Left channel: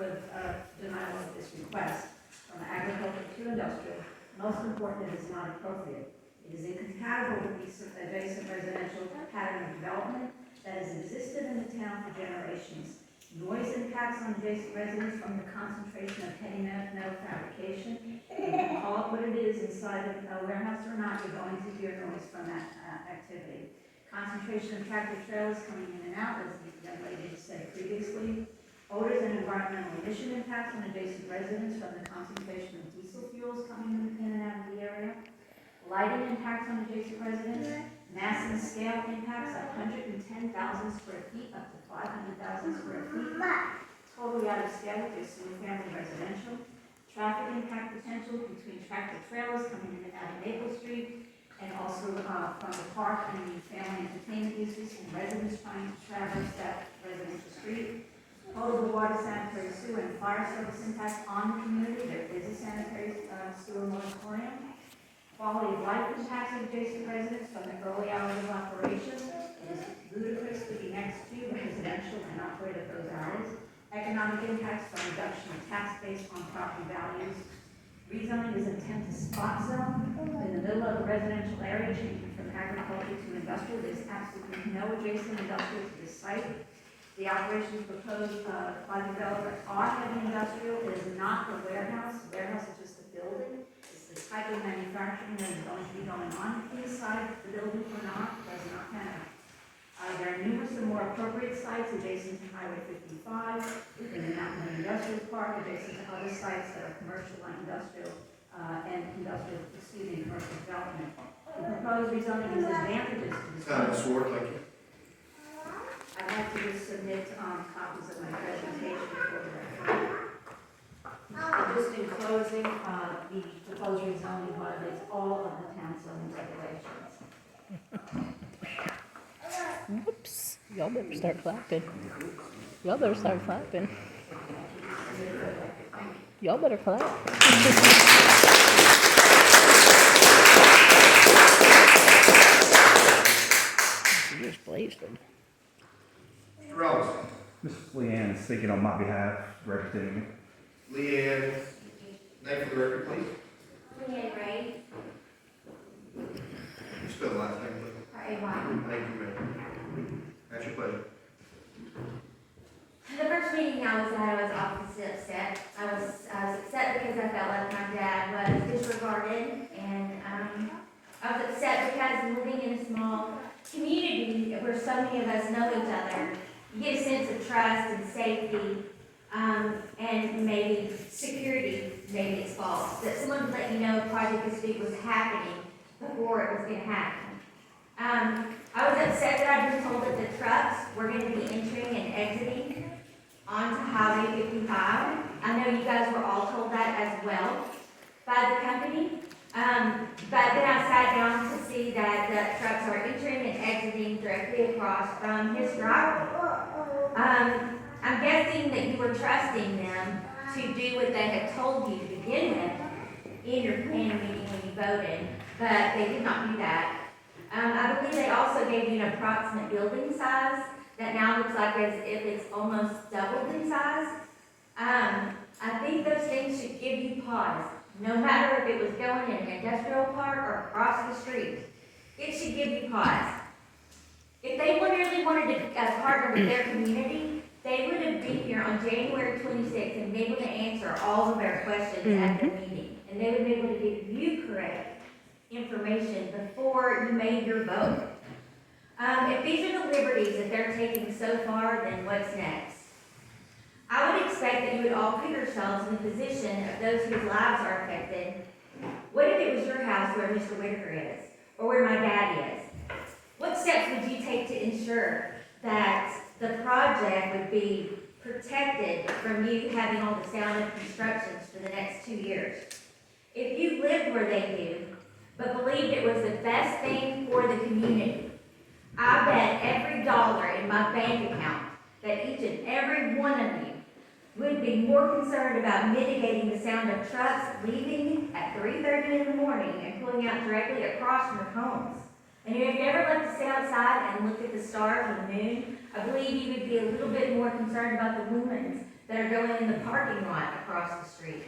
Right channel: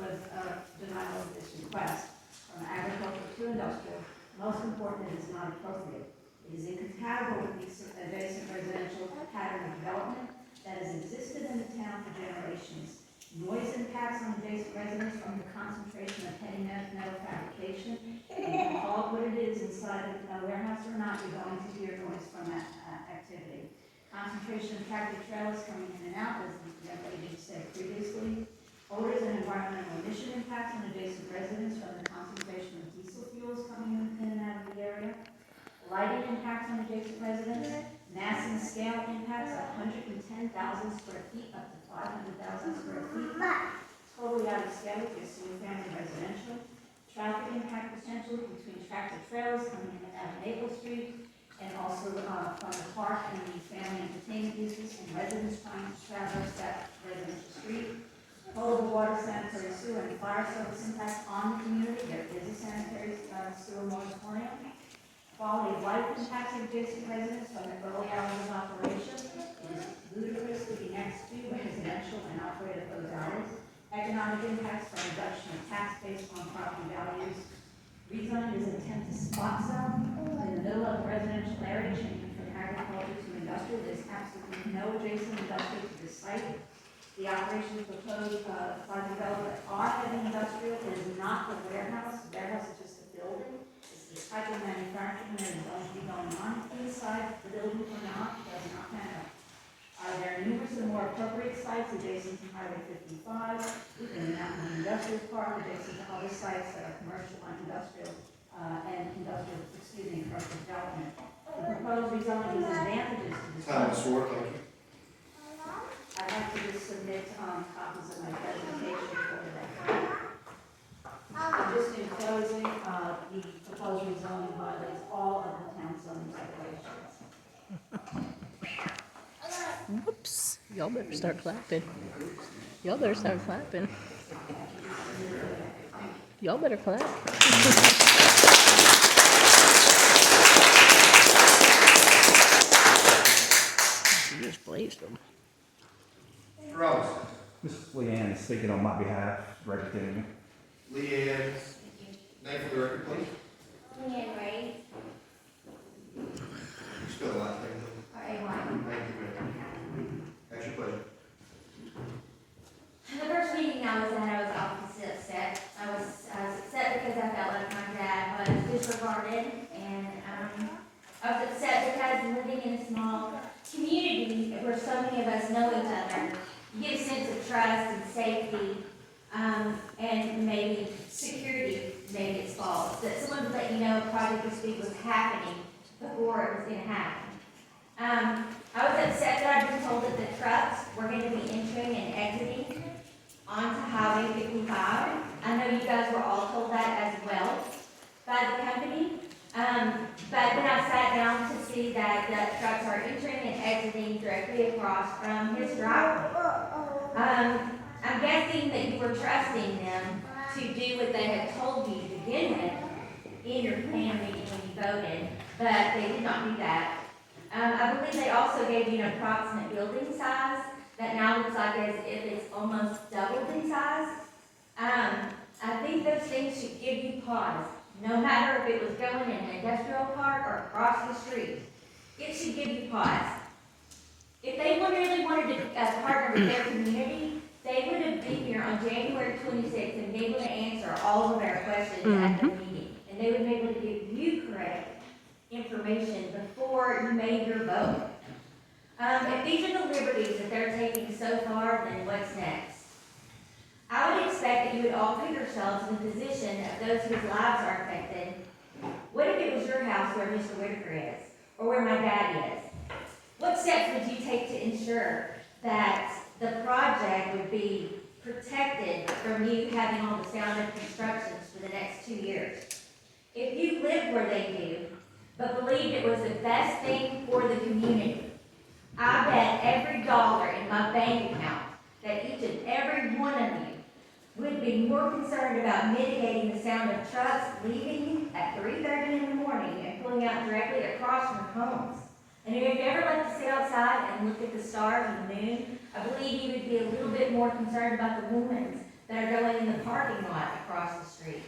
was a denial of this request from agriculture to industrial. Most important, it is not appropriate. It is incompatible with the adjacent residential pattern of development that has existed in the town for generations. Noise impacts on adjacent residents from the concentration of heavy metal fabrication. You can call it what it is inside a warehouse or not, you're going to hear noise from that activity. Concentration of tractor trailers coming in and out, as the young lady said previously. Odors and environmental emission impacts on adjacent residents from the concentration of diesel fuels coming in and out of the area. Lighting impacts on adjacent residents. Mass and scale impacts 110,000 square feet up to 500,000 square feet. Totally out of scale with your single-family residential. Traffic impact potential between tractor trailers coming in and out of Maple Street, and also from the park and the family entertainment uses, and residents trying to traverse that residential street. Potable water, sanitary sewer, and fire service impacts on the community. There is a sanitary sewer moratorium. Quality of life impacts of adjacent residents from the early hours of operation. It is ludicrous to be next to residential and operate at those hours. Economic impacts from reduction of tax based on property values. Rezoning is intent to spot zone in the middle of a residential area, changing from agriculture to industrial. There's absolutely no adjacent industrial to this site. The operations proposed by the developer are heavy industrial. It is not the warehouse. The warehouse is just a building. It's the type of manufacturing that is going to be going on inside the building or not. It does not matter. There are numerous and more appropriate sites adjacent to Highway 55, in the Mountain Industrial Park, adjacent to other sites that are commercial and industrial, commercial development. The proposed rezoning is advantages to the Time is short, thank you. I'd like to just submit copies of my presentation for the record. Just in closing, the proposed rezoning violates all of the town zoning regulations. Whoops. Y'all better start clapping. Y'all better start clapping. Y'all better clap. You just blazed them. Mr. Robinson. Mrs. Leanne is speaking on my behalf, representing me. Leanne, name for the record, please. Leanne Ray, You spell the last name, please. R-A-Y. Thank you, ma'am. That's your pleasure. The first meeting I was at, I was obviously upset. I was upset because I felt like my dad was disregarded, and I was upset because living in a small community where so many of us know each other, you get a sense of trust and safety, and maybe security, maybe it's false, that someone would let you know a project this big was happening before it was going to happen. I was upset that I'd been told that the trucks were going to be entering and exiting onto Highway 55. I know you guys were all told that as well by the company. But then I sat down to see that the trucks are entering and exiting directly across from his driveway. I'm guessing that you were trusting them to do what they had told you to begin with in your planning meeting when you voted, but they did not do that. I believe they also gave you an approximate building size that now looks like as if it's almost doubled in size. I think those things should give you pause. No matter if it was going in an industrial park or across the street, it should give you pause. If they really wanted to partner with their community, they would have been here on January 26th and been able to answer all of our questions at the meeting. And they would be able to give you correct information before you made your vote. If these are the liberties that they're taking so far, then what's next? I would expect that you would all put yourselves in the position of those whose lives are affected. What if it was your house where Mr. Whitaker is, or where my dad is? What steps would you take to ensure that the project would be protected from you having all the sound of constructions for the next 2 years? If you lived where they do, but believed it was the best thing for the community, I bet every dollar in my bank account that each and every one of you would be more concerned about mitigating the sound of trucks leaving at 3:30 in the morning and pulling out directly across from your homes. And if you ever like to sit outside and look at the stars and the moon, I believe you would be a little bit more concerned about the lumens that are going in the park parking lot across the street.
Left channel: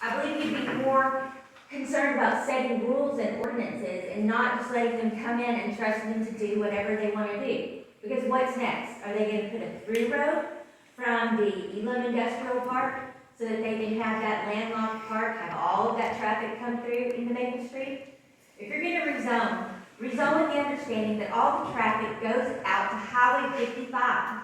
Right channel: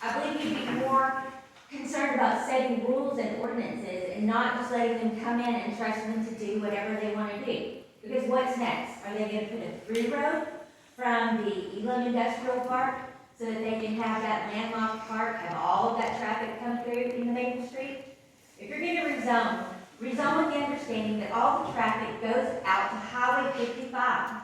I believe you'd be more concerned about setting rules and ordinances and not just letting them come in and trust them to do whatever they want to do. Because what's next? Are they going to put a through road from the Elam Industrial Park so that they can have that landlocked park, have all of that traffic come through into Maple Street? If you're going to rezone with the understanding that all the traffic goes out to Highway 55.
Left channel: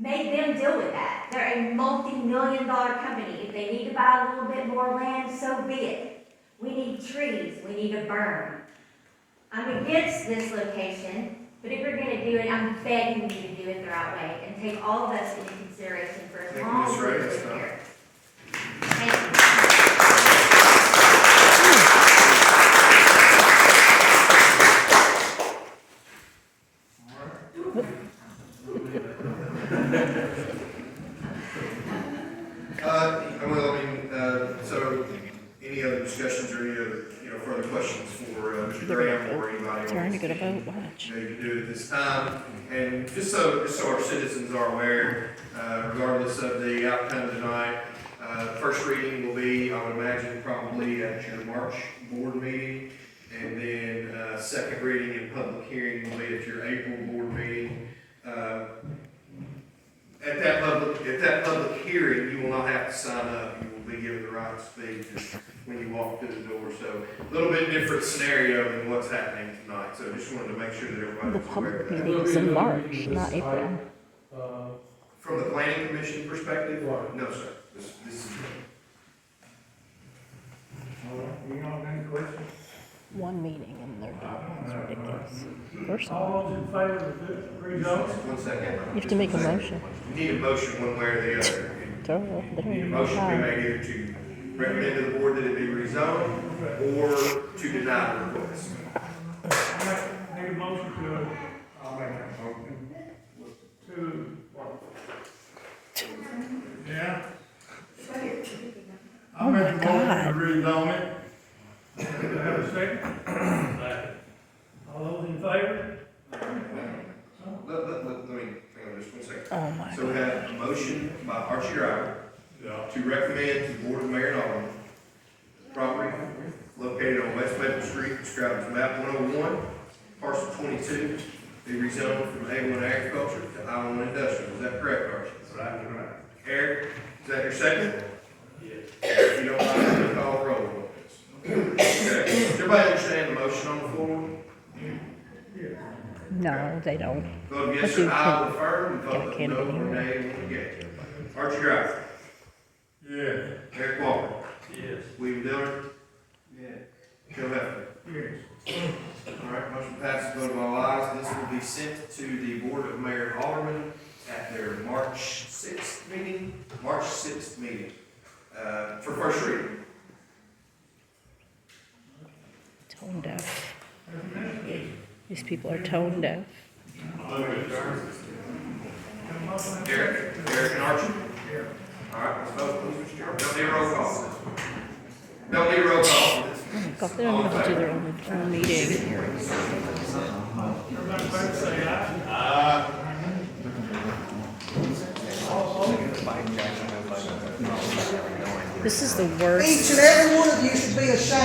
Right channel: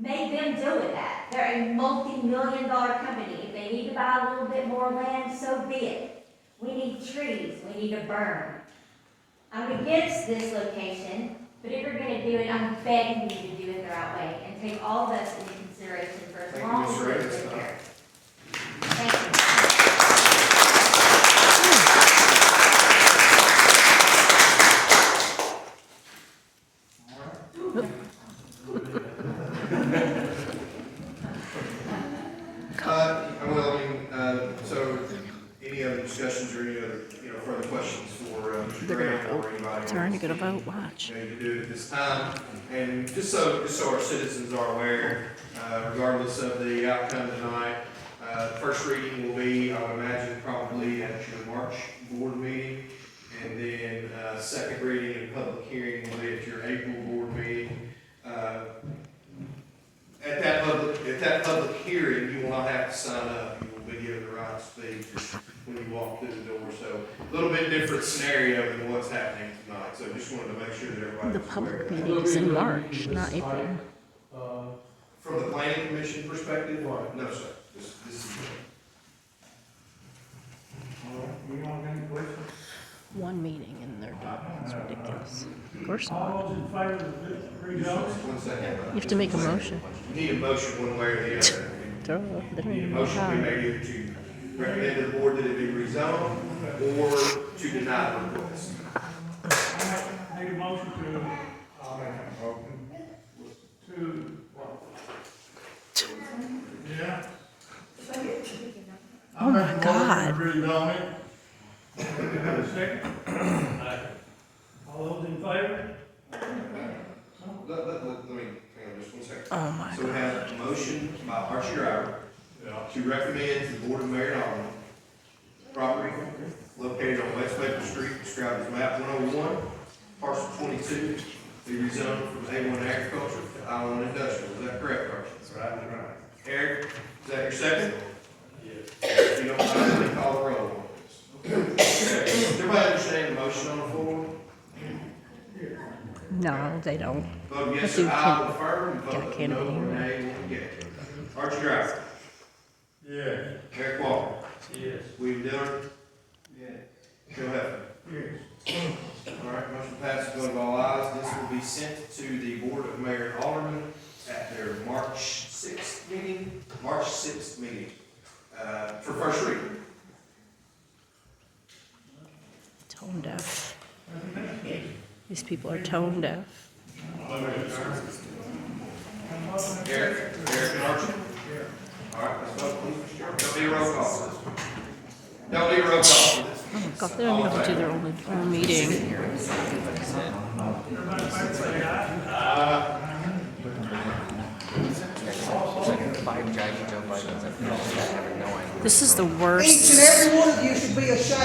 Make them deal with that. They're a multi-million-dollar company. If they need to buy a little bit more land, so be it. We need trees. We need a berm. I'm against this location, but if you're going to do it, I'm begging you to do it the right way and take all of us into consideration for as Thank you, long Ms. as Ray. we That's live fine. here. Thank you. So any other discussions or any other, further questions for Mr. They're gonna Graham or vote. anybody? Turn to get a vote, watch. Maybe do it at this time, and just so our citizens are aware, regardless of the outcome tonight, first reading will be, I would imagine, probably at your March board meeting, and then, second reading and public hearing will be at your April board meeting. At that public hearing, you will not have to sign up, you will be given the right to speak when you walk through the door, so a little bit different scenario than what's happening tonight, so just wanted to make sure that everybody The was aware public of that. meeting is in March, not April. From the planning commission perspective, no, sir, this is. All right, you all got any questions? One meeting and they're done. It's ridiculous. Of course not. All those in favor of this rezone? 1 second. You have to make a motion. You need a motion one way or the other. Throw it. They don't You need a even know motion to be how. made either to recommend to the board that it be rezoned or to deny the request. Need a motion yeah? Oh my God. Rezone it. Do we have a second? All those in favor? Let me, hang on just 1 second. Oh my So we God. have a motion by Archie Driver Yeah. to recommend to the Board of Mayor and Aldermen, property located on West Maple Street, described as map 101, parcel 22, be rezoned from A1 agriculture to I1 industrial. Is that correct, Archie? Right. Eric, is that your second? Yes. If you don't mind, let me call the roll. Okay. Does everybody understand the motion on the floor? No, they don't. Vote yes I or do aye will affirm, Yeah, I vote can't no even or hear nay will negate. Archie Driver. Yeah. Eric Walker. Yes. William Dillon. Yeah. Phil Heflin. Yes. All right, motion passes, vote of all ayes. This will be sent to the Board of Mayor and Aldermen at their March 6th meeting, for first reading. Tone deaf. These people are tone deaf. Eric and Archie? All right, let's vote, please. Don't need a roll call. Don't need a roll call. Oh God, they don't even know how to do their own meeting. This is the worst. Each and every one of you should be ashamed.